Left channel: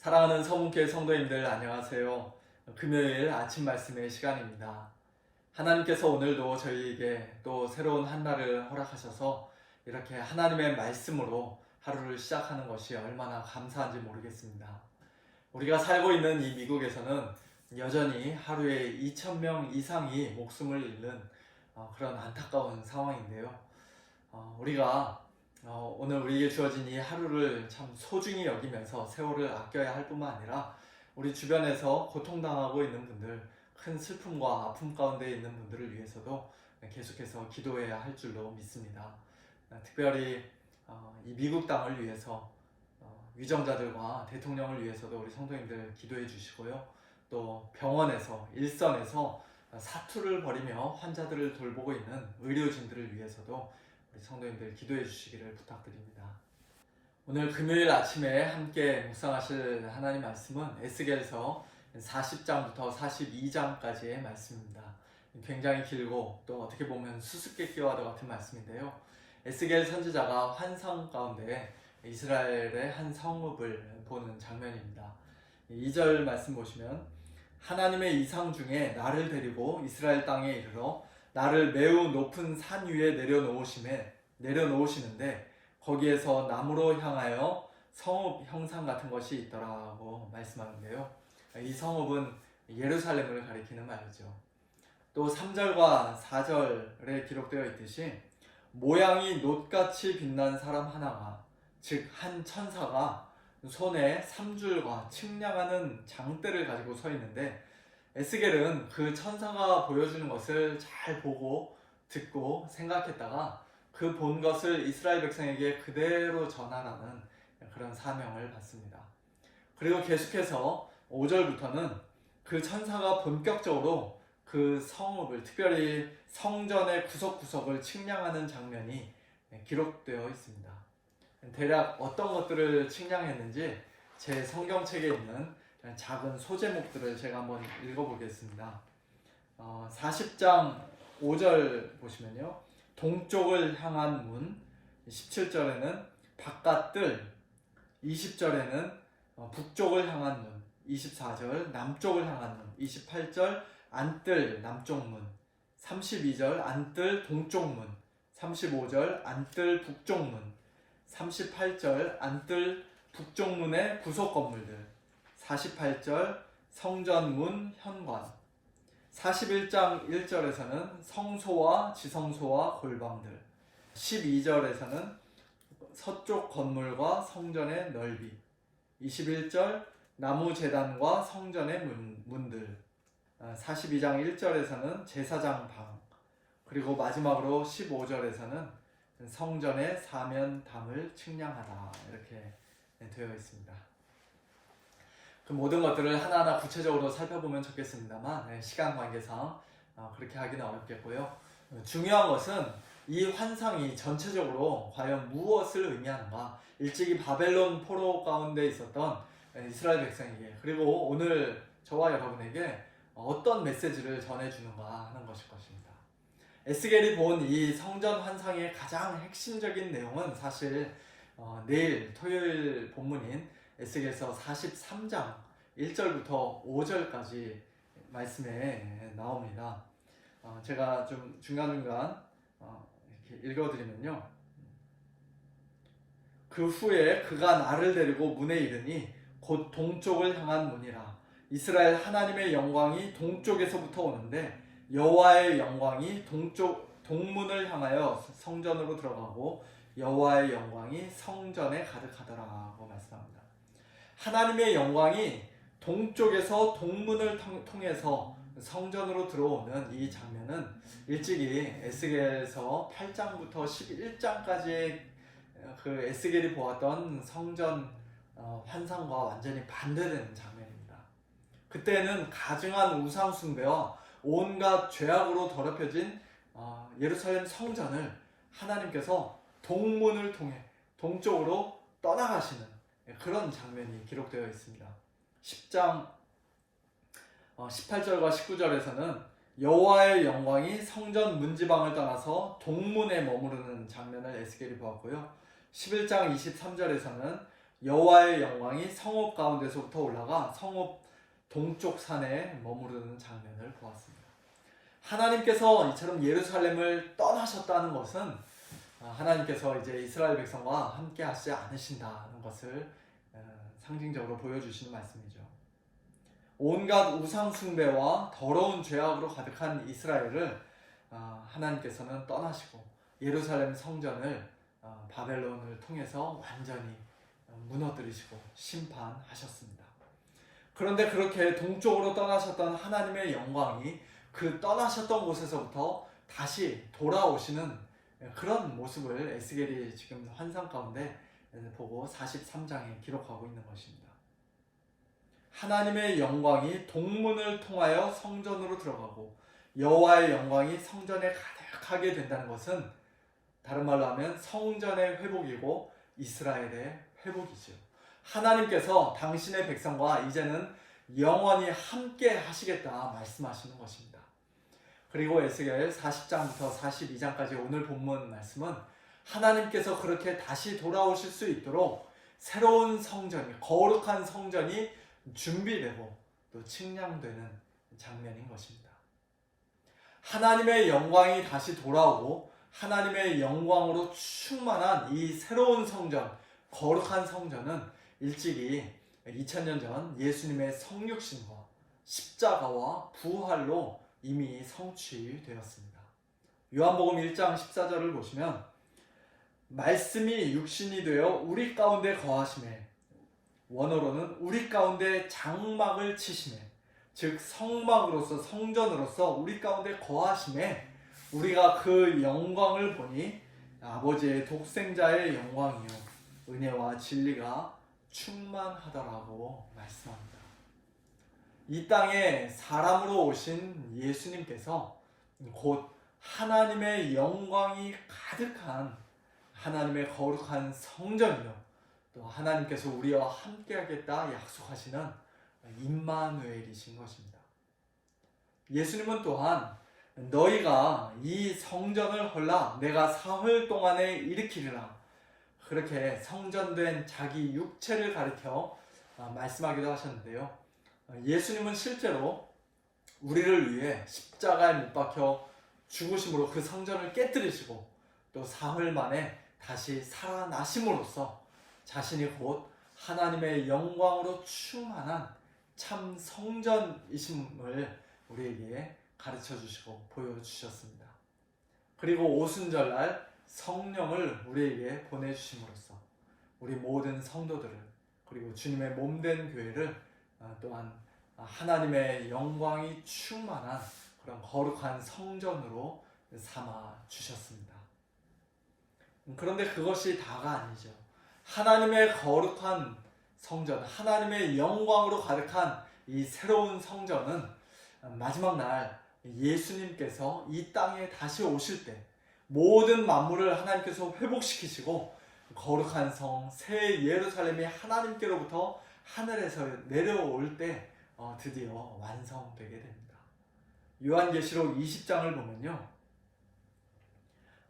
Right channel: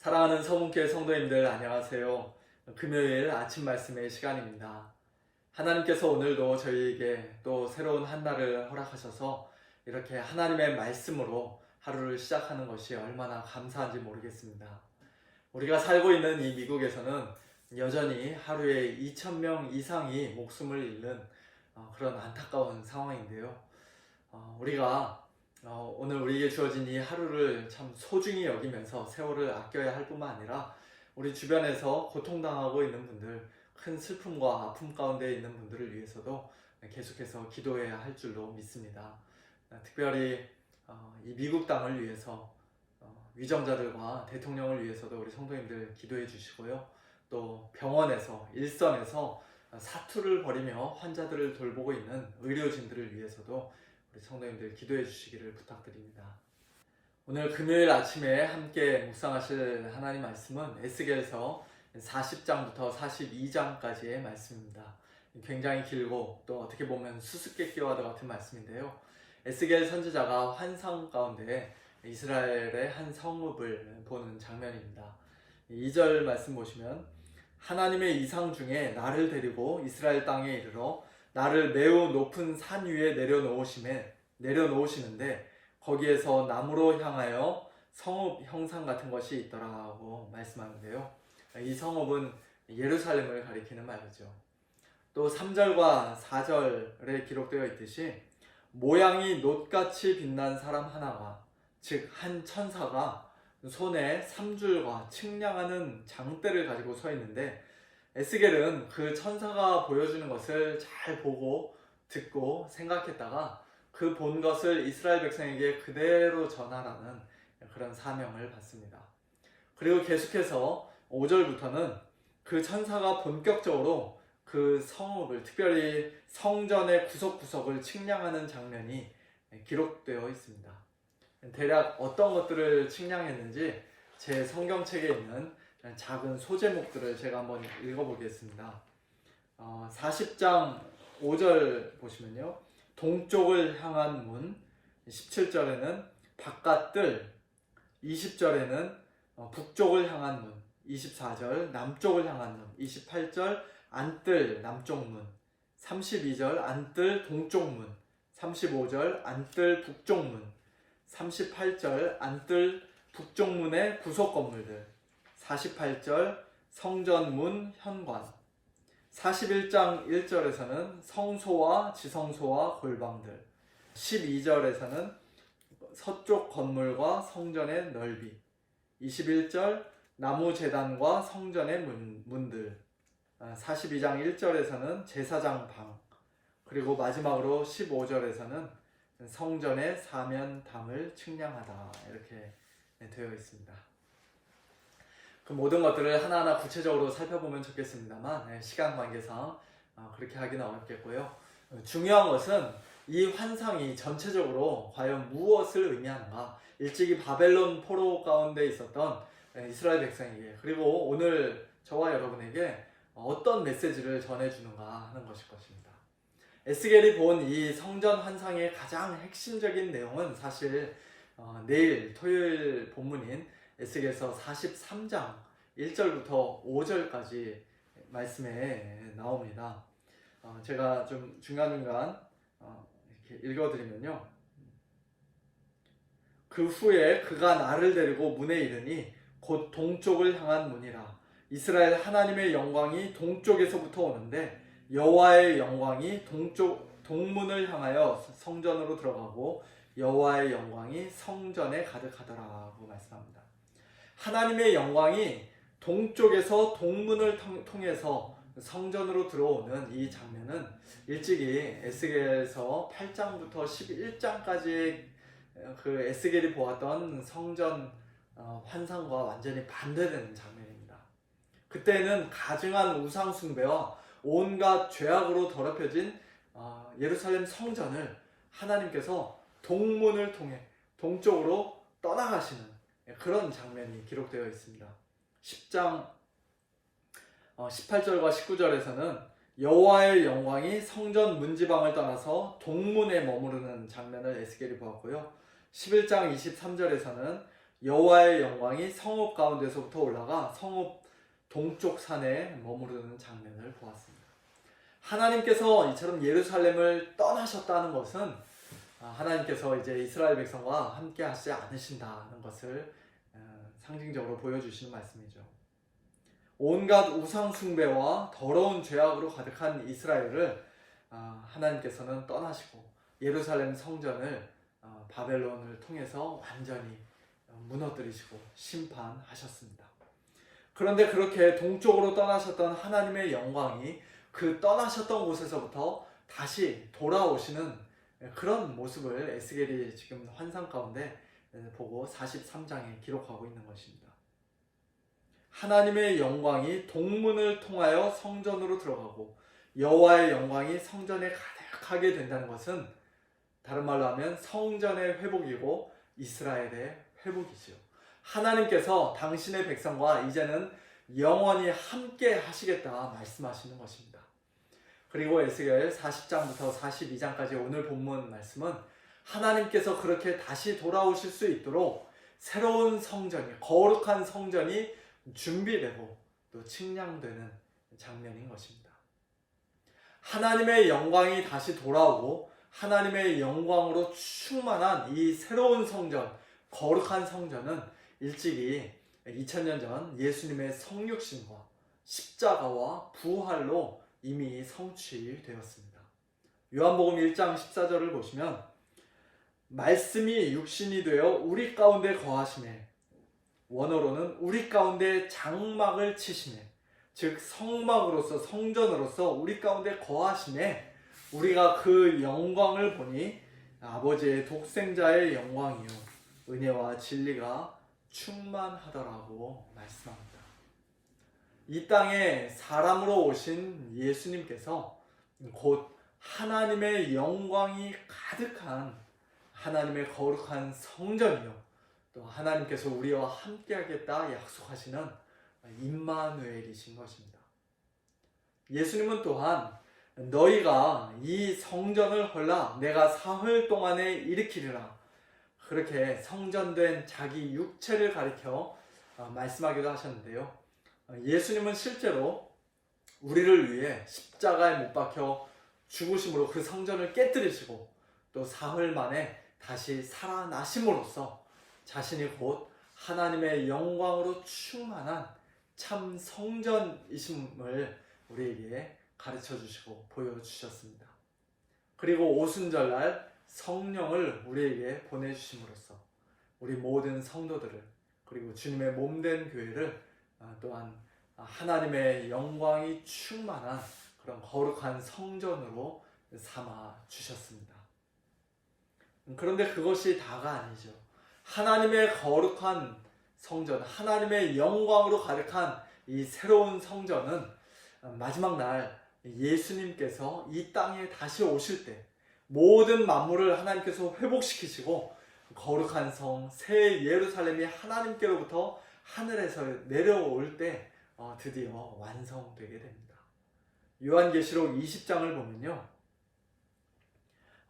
사랑하는 서문교회 성도님들 안녕하세요. 금요일 아침 말씀의 시간입니다. 하나님께서 오늘도 저희에게 또 새로운 한 날을 허락하셔서 이렇게 하나님의 말씀으로 하루를 시작하는 것이 얼마나 감사한지 모르겠습니다. 우리가 살고 있는 이 미국에서는 여전히 하루에 2,000명 이상이 목숨을 잃는 그런 안타까운 상황인데요. 우리가 오늘 우리에게 주어진 이 하루를 참 소중히 여기면서 세월을 아껴야 할 뿐만 아니라 우리 주변에서 고통당하고 있는 분들, 큰 슬픔과 아픔 가운데 있는 분들을 위해서도 계속해서 기도해야 할 줄로 믿습니다. 특별히 이 미국 땅을 위해서 위정자들과 대통령을 위해서도 우리 성도님들 기도해 주시고요. 또 병원에서, 일선에서 사투를 벌이며 환자들을 돌보고 있는 의료진들을 위해서도 우리 성도님들 기도해 주시기를 부탁드립니다. 오늘 금요일 아침에 함께 묵상하실 하나님 말씀은 에스겔서 40장부터 42장까지의 말씀입니다. 굉장히 길고 또 어떻게 보면 수수께끼와 같은 말씀인데요. 에스겔 선지자가 환상 가운데 이스라엘의 한 성읍을 보는 장면입니다. 2절 말씀 보시면 하나님의 이상 중에 나를 데리고 이스라엘 땅에 이르러 나를 매우 높은 산 위에 내려놓으시는데 거기에서 나무로 향하여 성읍 형상 같은 것이 있더라고 말씀하는데요. 이 성읍은 예루살렘을 가리키는 말이죠. 또 3절과 4절에 기록되어 있듯이 모양이 놋같이 빛난 사람 하나가, 즉 한 천사가 손에 3줄과 측량하는 장대를 가지고 서 있는데 에스겔은 그 천사가 보여주는 것을 잘 보고 듣고 생각했다가 그 본 것을 이스라엘 백성에게 그대로 전하라는 그런 사명을 받습니다. 그리고 계속해서 5절부터는 그 천사가 본격적으로 그 성읍을, 특별히 성전의 구석구석을 측량하는 장면이 기록되어 있습니다. 대략 어떤 것들을 측량했는지 제 성경책에 있는 작은 소제목들을 제가 한번 읽어보겠습니다. 40장 5절 보시면요. 동쪽을 향한 문, 17절에는 바깥뜰, 20절에는 북쪽을 향한 문, 24절 남쪽을 향한 문, 28절 안뜰 남쪽 문, 32절 안뜰 동쪽 문, 35절 안뜰 북쪽 문, 38절 안뜰 북쪽 문의 구석 건물들, 48절 성전문 현관, 41장 1절에서는 성소와 지성소와 골방들, 12절에서는 서쪽 건물과 성전의 넓이, 21절 나무 제단과 성전의 문들, 42장 1절에서는 제사장 방, 그리고 마지막으로 15절에서는 성전의 사면담을 측량하다, 이렇게 되어 있습니다. 그 모든 것들을 하나하나 구체적으로 살펴보면 좋겠습니다만 시간 관계상 그렇게 하기는 어렵겠고요. 중요한 것은 이 환상이 전체적으로 과연 무엇을 의미하는가, 일찍이 바벨론 포로 가운데 있었던 이스라엘 백성에게, 그리고 오늘 저와 여러분에게 어떤 메시지를 전해주는가 하는 것일 것입니다. 에스겔이 본 이 성전 환상의 가장 핵심적인 내용은 사실 내일 토요일 본문인 에스겔서 43장 1절부터 5절까지 말씀에 나옵니다. 제가 좀 중간중간 이렇게 읽어드리면요. 그 후에 그가 나를 데리고 문에 이르니 곧 동쪽을 향한 문이라. 이스라엘 하나님의 영광이 동쪽에서부터 오는데 여호와의 영광이 동문을 향하여 성전으로 들어가고 여호와의 영광이 성전에 가득하더라고 말씀합니다. 하나님의 영광이 동쪽에서 동문을 통해서 성전으로 들어오는 이 장면은 일찍이 에스겔서 8장부터 11장까지의 그 에스겔이 보았던 성전 환상과 완전히 반대되는 장면입니다. 그때는 가증한 우상 숭배와 온갖 죄악으로 더럽혀진 예루살렘 성전을 하나님께서 동문을 통해 동쪽으로 떠나가시는 그런 장면이 기록되어 있습니다. 10장 18절과 19절에서는 여호와의 영광이 성전 문지방을 떠나서 동문에 머무르는 장면을 에스겔이 보았고요. 11장 23절에서는 여호와의 영광이 성읍 가운데서부터 올라가 성읍 동쪽 산에 머무르는 장면을 보았습니다. 하나님께서 이처럼 예루살렘을 떠나셨다는 것은 하나님께서 이제 이스라엘 백성과 함께 하시지 않으신다는 것을 상징적으로 보여주시는 말씀이죠. 온갖 우상 숭배와 더러운 죄악으로 가득한 이스라엘을 하나님께서는 떠나시고 예루살렘 성전을 바벨론을 통해서 완전히 무너뜨리시고 심판하셨습니다. 그런데 그렇게 동쪽으로 떠나셨던 하나님의 영광이 그 떠나셨던 곳에서부터 다시 돌아오시는 그런 모습을 에스겔이 지금 환상 가운데 보고 43장에 기록하고 있는 것입니다. 하나님의 영광이 동문을 통하여 성전으로 들어가고 여호와의 영광이 성전에 가득하게 된다는 것은 다른 말로 하면 성전의 회복이고 이스라엘의 회복이죠. 하나님께서 당신의 백성과 이제는 영원히 함께 하시겠다 말씀하시는 것입니다. 그리고 에스겔 40장부터 42장까지 오늘 본문 말씀은 하나님께서 그렇게 다시 돌아오실 수 있도록 새로운 성전이, 거룩한 성전이 준비되고 또 측량되는 장면인 것입니다. 하나님의 영광이 다시 돌아오고 하나님의 영광으로 충만한 이 새로운 성전, 거룩한 성전은 일찍이 2000년 전 예수님의 성육신과 십자가와 부활로 이미 성취되었습니다. 요한복음 1장 14절을 보시면 말씀이 육신이 되어 우리 가운데 거하심에, 원어로는 우리 가운데 장막을 치심에, 즉 성막으로서 성전으로서 우리 가운데 거하심에 우리가 그 영광을 보니 아버지의 독생자의 영광이요 은혜와 진리가 충만하더라고 말씀합니다. 이 땅에 사람으로 오신 예수님께서 곧 하나님의 영광이 가득한 하나님의 거룩한 성전이요 또 하나님께서 우리와 함께하겠다 약속하시는 임마누엘이신 것입니다. 예수님은 또한 너희가 이 성전을 헐라 내가 사흘 동안에 일으키리라 그렇게 성전된 자기 육체를 가리켜 말씀하기도 하셨는데요. 예수님은 실제로 우리를 위해 십자가에 못 박혀 죽으심으로 그 성전을 깨뜨리시고 또 사흘 만에 다시 살아나심으로써 자신이 곧 하나님의 영광으로 충만한 참 성전이심을 우리에게 가르쳐 주시고 보여주셨습니다. 그리고 오순절날 성령을 우리에게 보내주심으로써 우리 모든 성도들을 그리고 주님의 몸된 교회를 또한 하나님의 영광이 충만한 그런 거룩한 성전으로 삼아 주셨습니다. 그런데 그것이 다가 아니죠. 하나님의 거룩한 성전, 하나님의 영광으로 가득한 이 새로운 성전은 마지막 날 예수님께서 이 땅에 다시 오실 때 모든 만물을 하나님께서 회복시키시고 거룩한 성, 새 예루살렘이 하나님께로부터 하늘에서 내려올 때 드디어 완성되게 됩니다. 요한계시록 20장을 보면요.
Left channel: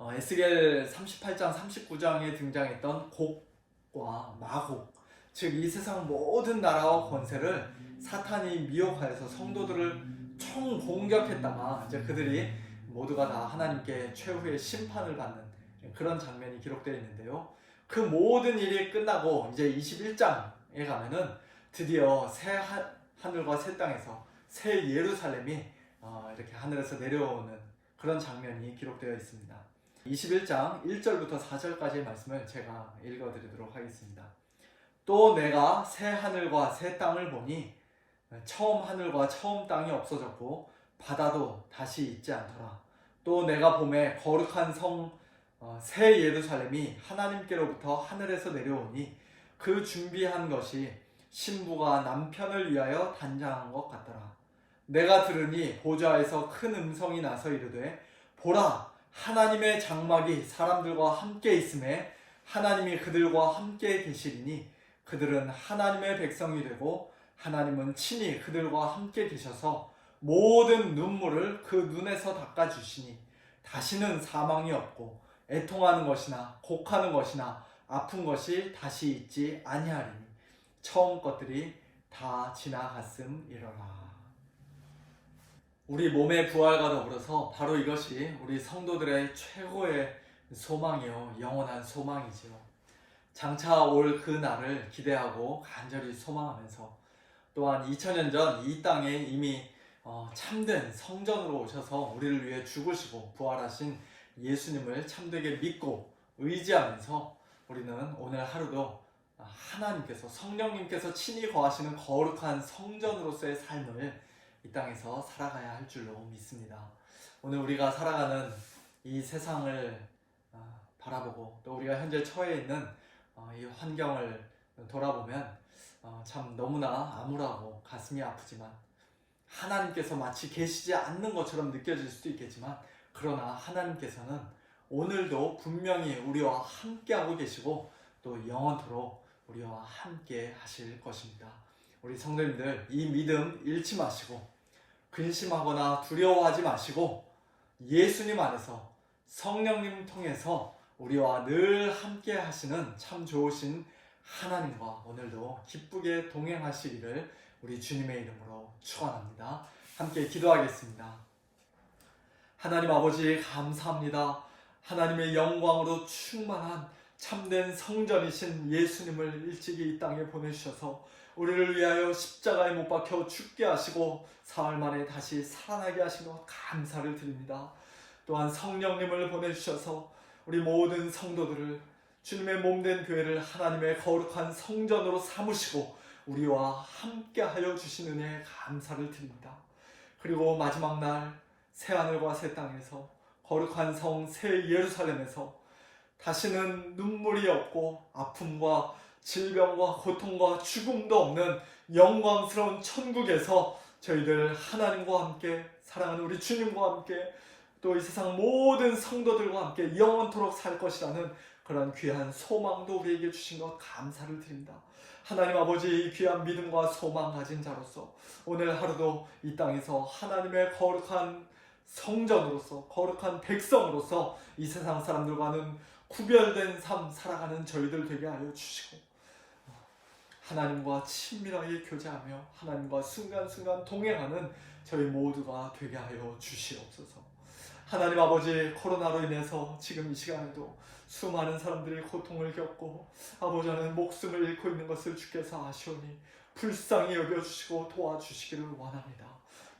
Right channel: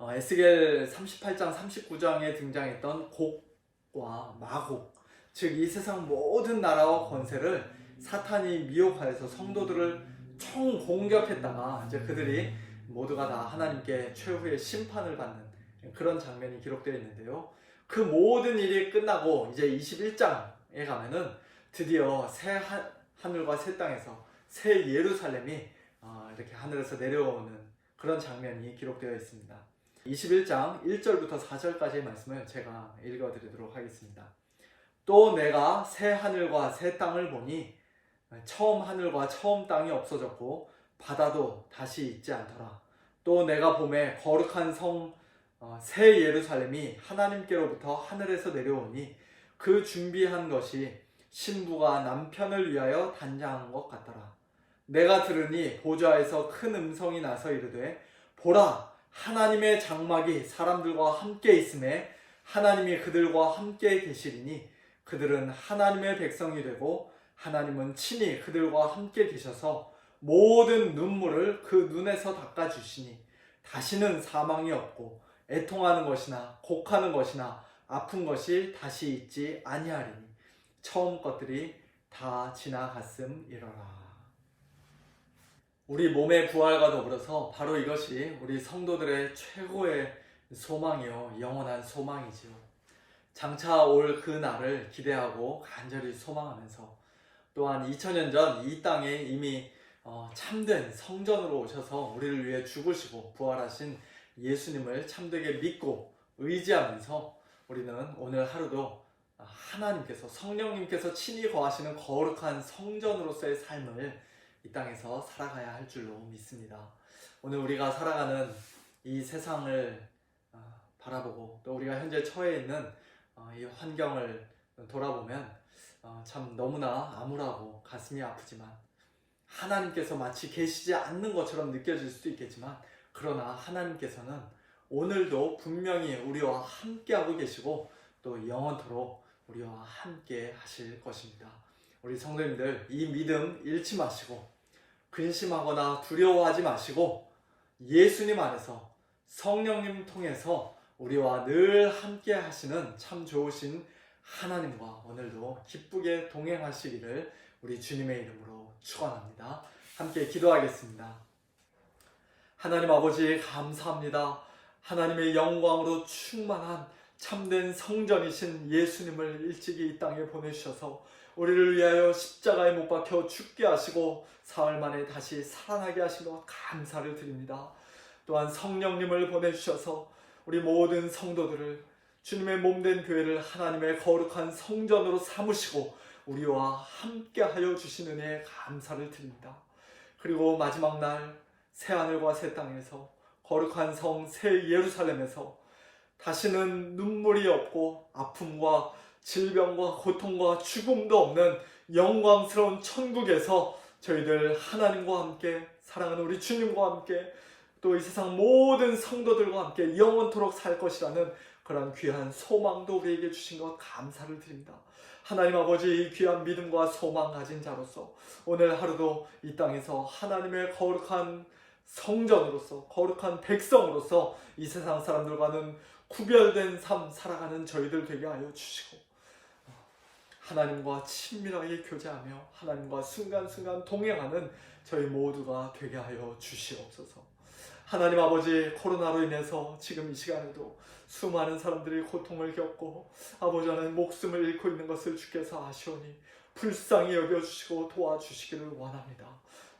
에스겔 38장, 39장에 등장했던 곡과 마곡, 즉 이 세상 모든 나라와 권세를 사탄이 미혹하여서 성도들을 총공격했다가 이제 그들이 모두가 다 하나님께 최후의 심판을 받는 그런 장면이 기록되어 있는데요. 그 모든 일이 끝나고 이제 21장에 가면은 드디어 새 하늘과 새 땅에서 새 예루살렘이 이렇게 하늘에서 내려오는 그런 장면이 기록되어 있습니다. 21장 1절부터 4절까지의 말씀을 제가 읽어드리도록 하겠습니다. 또 내가 새 하늘과 새 땅을 보니 처음 하늘과 처음 땅이 없어졌고 바다도 다시 있지 않더라. 또 내가 보매 거룩한 성 새 예루살렘이 하나님께로부터 하늘에서 내려오니 그 준비한 것이 신부가 남편을 위하여 단장한 것 같더라. 내가 들으니 보좌에서 큰 음성이 나서 이르되 보라 하나님의 장막이 사람들과 함께 있음에 하나님이 그들과 함께 계시리니 그들은 하나님의 백성이 되고 하나님은 친히 그들과 함께 계셔서 모든 눈물을 그 눈에서 닦아주시니 다시는 사망이 없고 애통하는 것이나 곡하는 것이나 아픈 것이 다시 있지 아니하리니 처음 것들이 다 지나갔음이러라. 우리 몸의 부활과 더불어서 바로 이것이 우리 성도들의 최고의 소망이요, 영원한 소망이지요. 장차 올 그 날을 기대하고 간절히 소망하면서 또한 2000년 전 이 땅에 이미 참된 성전으로 오셔서 우리를 위해 죽으시고 부활하신 예수님을 참되게 믿고 의지하면서 우리는 오늘 하루도 하나님께서, 성령님께서 친히 거하시는 거룩한 성전으로서의 삶을 이 땅에서 살아가야 할 줄로 믿습니다. 오늘 우리가 살아가는 이 세상을 바라보고 또 우리가 현재 처해 있는 이 환경을 돌아보면 참 너무나 암울하고 가슴이 아프지만, 하나님께서 마치 계시지 않는 것처럼 느껴질 수도 있겠지만, 그러나 하나님께서는 오늘도 분명히 우리와 함께하고 계시고 또 영원토록 우리와 함께 하실 것입니다. 우리 성도님들, 이 믿음 잃지 마시고 근심하거나 두려워하지 마시고 예수님 안에서, 성령님 통해서 우리와 늘 함께 하시는 참 좋으신 하나님과 오늘도 기쁘게 동행하시기를 우리 주님의 이름으로 축원합니다. 함께 기도하겠습니다. 하나님 아버지, 감사합니다. 하나님의 영광으로 충만한 참된 성전이신 예수님을 일찍이 이 땅에 보내주셔서 우리를 위하여 십자가에 못 박혀 죽게 하시고 사흘 만에 다시 살아나게 하신 것 감사를 드립니다. 또한 성령님을 보내주셔서 우리 모든 성도들을, 주님의 몸된 교회를 하나님의 거룩한 성전으로 삼으시고 우리와 함께하여 주신 은혜에 감사를 드립니다. 그리고 마지막 날 새하늘과 새 땅에서, 거룩한 성 새 예루살렘에서 다시는 눈물이 없고 아픔과 질병과 고통과 죽음도 없는 영광스러운 천국에서 저희들 하나님과 함께, 사랑하는 우리 주님과 함께, 또 이 세상 모든 성도들과 함께 영원토록 살 것이라는 그런 귀한 소망도 우리에게 주신 것 감사를 드립니다. 하나님 아버지, 이 귀한 믿음과 소망 가진 자로서 오늘 하루도 이 땅에서 하나님의 거룩한 성전으로서, 거룩한 백성으로서 이 세상 사람들과는 구별된 삶 살아가는 저희들 되게 하여 주시고, 하나님과 친밀하게 교제하며 하나님과 순간순간 동행하는 저희 모두가 되게 하여 주시옵소서. 하나님 아버지, 코로나로 인해서 지금 이 시간에도 수많은 사람들이 고통을 겪고 아버지는 목숨을 잃고 있는 것을 주께서 아시오니 불쌍히 여겨주시고 도와주시기를 원합니다.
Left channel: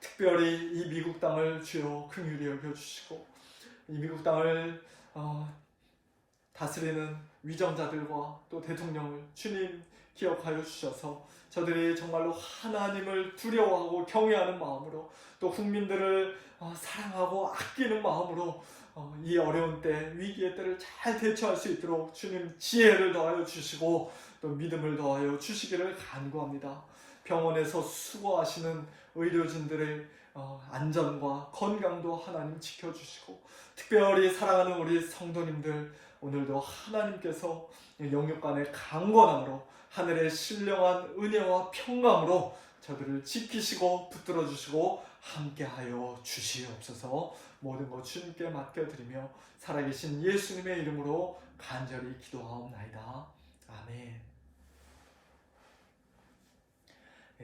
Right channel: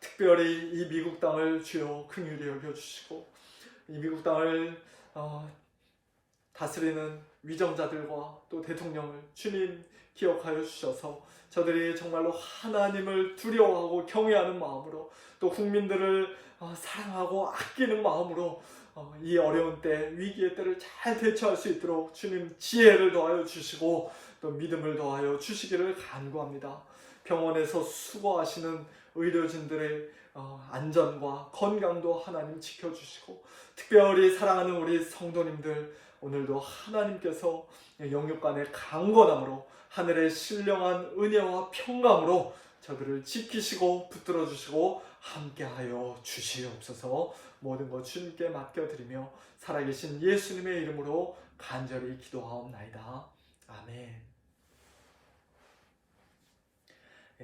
특별히 이 미국 땅을 주여 긍휼히 여겨주시고, 이 미국 땅을 다스리는 위정자들과 또 대통령을 주님 기억하여 주셔서 저들이 정말로 하나님을 두려워하고 경외하는 마음으로, 또 국민들을 사랑하고 아끼는 마음으로 이 어려운 때, 위기의 때를 잘 대처할 수 있도록 주님 지혜를 더하여 주시고 또 믿음을 더하여 주시기를 간구합니다. 병원에서 수고하시는 의료진들의 안전과 건강도 하나님 지켜주시고, 특별히 사랑하는 우리 성도님들, 오늘도 하나님께서 영육간의 강건함으로, 하늘의 신령한 은혜와 평강으로 저들을 지키시고 붙들어 주시고 함께하여 주시옵소서. 모든 것 주님께 맡겨드리며 살아계신 예수님의 이름으로 간절히 기도하옵나이다. 아멘.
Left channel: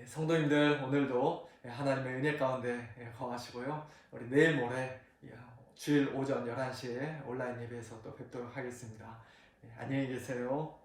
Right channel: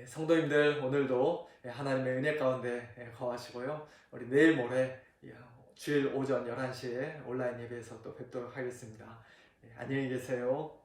성도님들, 오늘도 하나님의 은혜 가운데 거하시고요. 우리 내일 모레 주일 오전 11시에 온라인 예배에서 또 뵙도록 하겠습니다. 안녕히 계세요.